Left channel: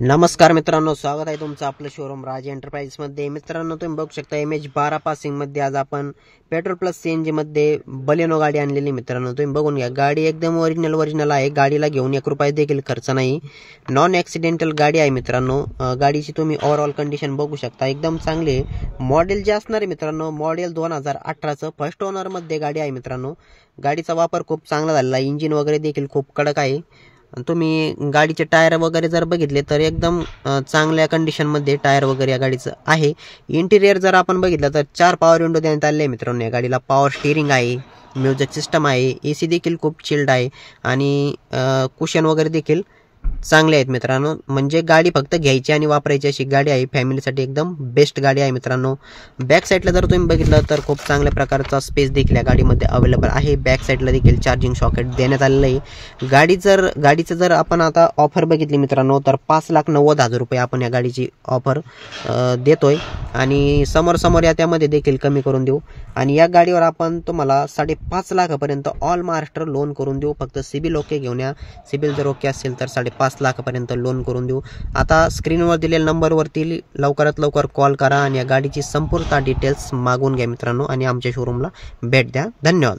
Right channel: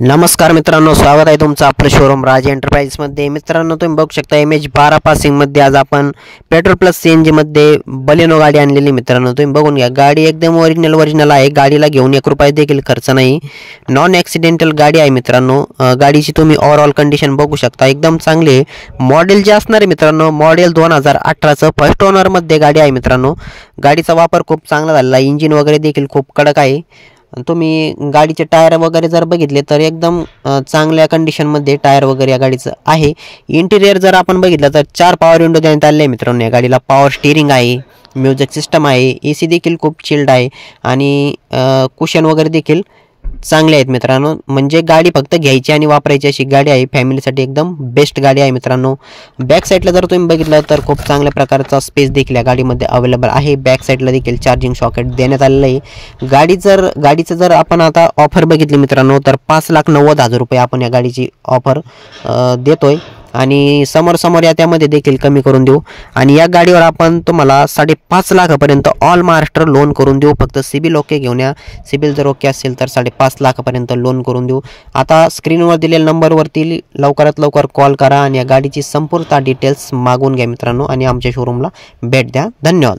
नमस्कार मित्रांनो, स्वागत आहे तुमचं आपलं शोरूम राज एंटरप्राइजेसमध्ये। मित्रांनो, तुम्ही बघू शकता MH12 पासिंगमध्ये आज आपण पेट्रोल प्लस CNG मध्ये बलेनो गाडी आणलेली। मित्रांनो, तुम्ही बघून घ्या, गाडी एकदम ओरिजिनल आहे। गाडीला घेऊन 1 रुपया देखील खर्च नाही, नॉन ॲक्सिडेंटल गाडी आहे। मित्रांनो, गाडीची तुम्ही ओव्हरऑल कंडिशन बघू शकता, एकदम चांगली आहे। मॉडेल जे असणार आहे मित्रांनो, मॉडेल 2018चं फर्स्ट ओनरमध्ये गाडी आहे। मित्रांनो, गाडीचा वापर खूप चांगला झालेला आहे, इंजिन वगैरे देखील खूप कडक आहे। तुम्ही गाडीचे टायर वगैरे जर बघितले तर एकदम चांगल्या कंडिशनमध्ये टायर वगैरे या गाडीचं आहे। इंटिरियर जर आपण बघितलं तर 4 पॉवर विंडो देण्यात आले आहे। मित्रांनो, या गाडीला पॉवर स्टीअरिंग आहे, म्युझिक सिस्टम आहे, AC देखील खूप चिल्ड आहे आणि कुशन वगैरे देखील चांगले आहेत। मित्रांनो, म्हणजे गाडी फक्त घ्यायची आणि वापरायची अशी गाडी आहे, फॅमिलीसाठी एकदम बेस्ट गाडी आहे। मित्रांनो, बॅक साईडला जर तुम्ही बघितलं तर खूप चांगल्या प्रकारचा स्पेस देखील या गाडीमध्ये अवेलेबल आहे। बॅक साईडला देखील चार्जिंग सॉकेट देण्यात आलेलं आहे। गाडीचं जर आपण आता ऑफर बघितली मित्रांनो, तर 5,90,000 रुपये आपण या गाडीची ऑफर देतोय आणि समोर या त्यामध्ये देखील कमी करून देऊ आणि या गाडीवर आपण तुम्हाला 5.5 लाखापर्यंत ऑल महाराष्ट्र लोन करून देऊ। फक्त सिबिल ओके घेऊन या, सिबिल जर ओके असेल तर 5.5 लाखापर्यंत लोन करून देऊ। आता स्क्रीनवर दिलेल्या नंबरवरती लवकरात लवकर कॉल करा आणि या गाडीची संपूर्ण डिटेल्स मागवून घ्या मित्रांनो आणि आमच्या शोरूमला भेट द्या। धन्यवाद।